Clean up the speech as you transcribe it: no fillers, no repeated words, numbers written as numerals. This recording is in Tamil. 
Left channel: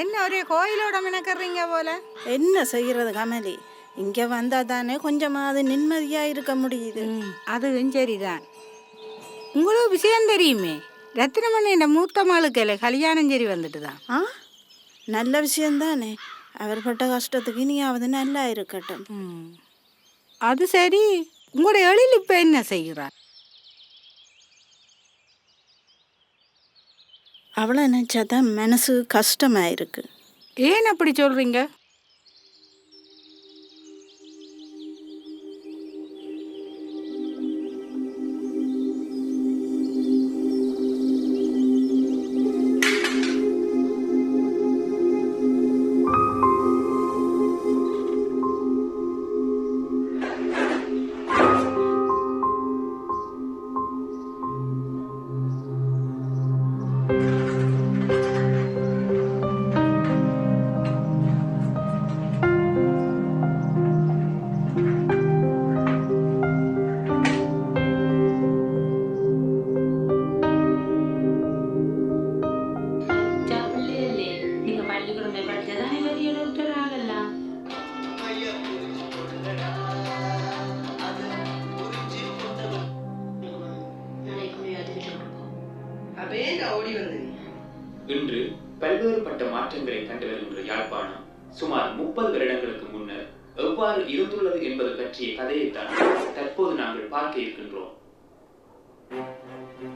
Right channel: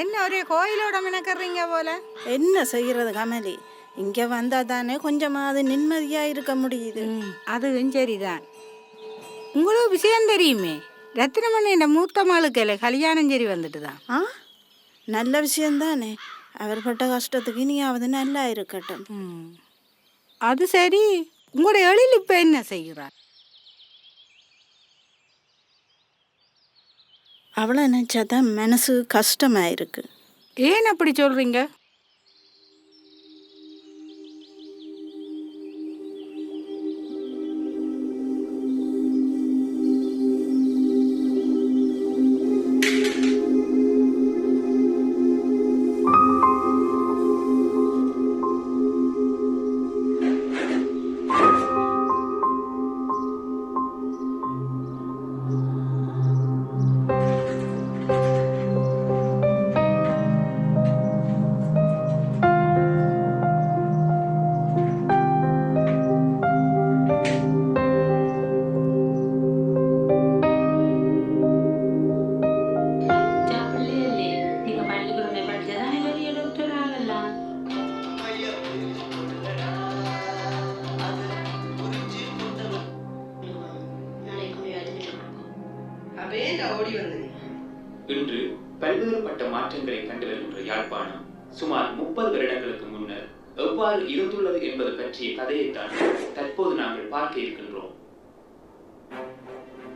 என்ன ஒரே கோயிலோட மினக்கறீங்க போல? என்ன செய்கிறது கமலி, இங்கே வந்தால் தானே கொஞ்சமாவது நிம்மதியாக இருக்க முடியுது. அதுவும் சரிதான். உங்களுக்கு விஷயம் தெரியுமே, ரத்தினமணி இந்த மூத்த மாளுக்கு கல்யாணம் சரி வந்துட்டு தான். நல்ல விஷயந்தானே. அவர் பட்ட கஷ்டத்துக்கு இனியாவது நல்லா இருக்கட்டும். அது சரி, உங்களோட எழில் இப்போ என்ன செய்கிறார்? அவளை நினச்சாதான் மனசு கஷ்டமாக இருக்கு. ஏன் அப்படி சொல்கிறீங்க? இன்று பல்வேறுபட்ட மாற்றங்களை கண்டு வருகின்ற யாழ்ப்பாணம் சுமார் 30 வருடங்களுக்கு முன்னர் எவ்வாறு இருந்துள்ளது என்பது பற்றிய கதையைத்தான் தற்போது நாங்கள் பார்க்க இருக்கின்றோம்.